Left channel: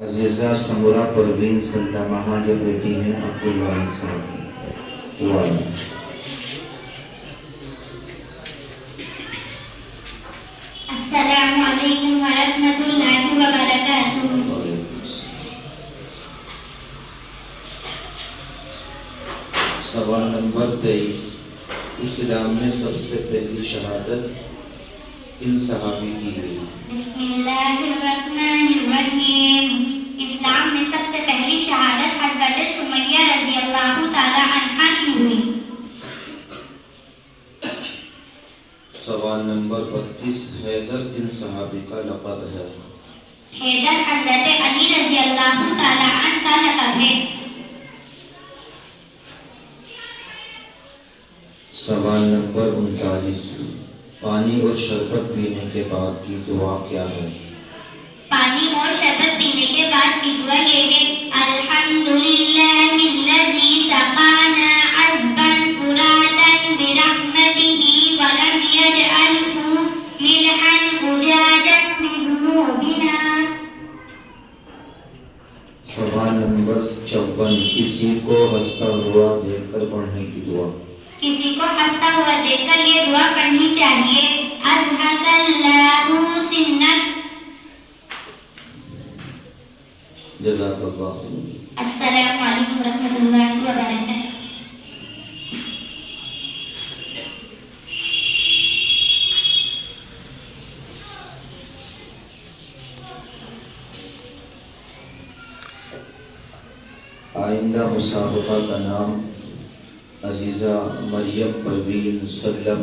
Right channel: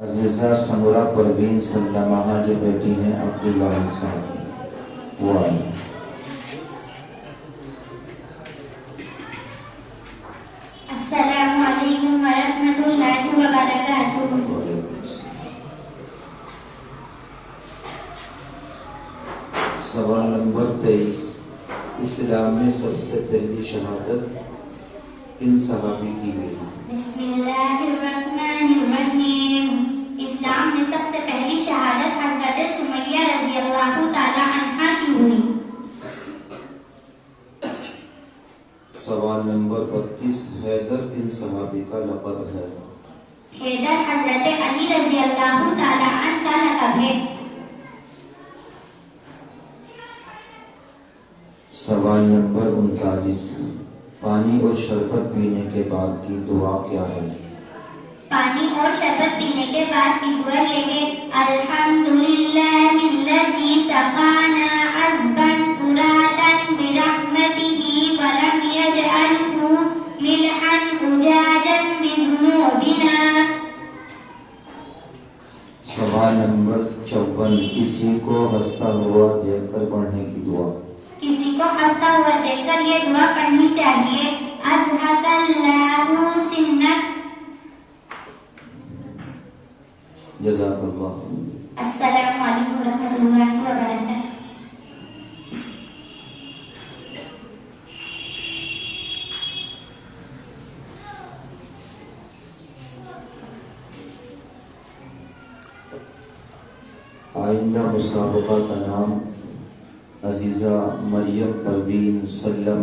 عزیزہ سمورہ پروین سلامہ جو بیٹی ہیں عبداللہ صاحب وہ السلام علیکم ورحمۃ اللہ وبرکاتہ۔ سوال نمبر 23، اسلام میں سب سے پہلی شہادت کن صحابی کی ہوئی؟ بسم اللہ الرحمن الرحیم۔ اسلام میں سب سے پہلی شہادت حضرت سمیہ رضی اللہ تعالی عنہا کی ہوئی۔ سوال نمبر 32، حیدر کن صحابی کا لقب ہے؟ حیدر حضرت علی رضی اللہ تعالی عنہ کا لقب ہے۔ سوال نمبر 39، پانی اور شربت پینے کے بعد کی دعا کیا ہے؟ پانی اور شربت پینے کے بعد کی دعا یہ ہے: الحمدللہ الذی سقانا عذبا فراتا برحمتہ ولم یجعلہ ملحا اجاجا بذنوبنا۔ سوال نمبر 54، کسی کو ہنستا ہوا دیکھ کر پڑھنے کی دعا۔ کسی کو ہنستا ہوا دیکھ کر یہ دعا پڑھنی چاہیے: اضحک اللہ سنک۔ جزاک اللہ۔ السلام علیکم ورحمۃ اللہ وبرکاتہ۔ آئندہ مسابقہ کا نام عزیزہ مریم پروین سلامہ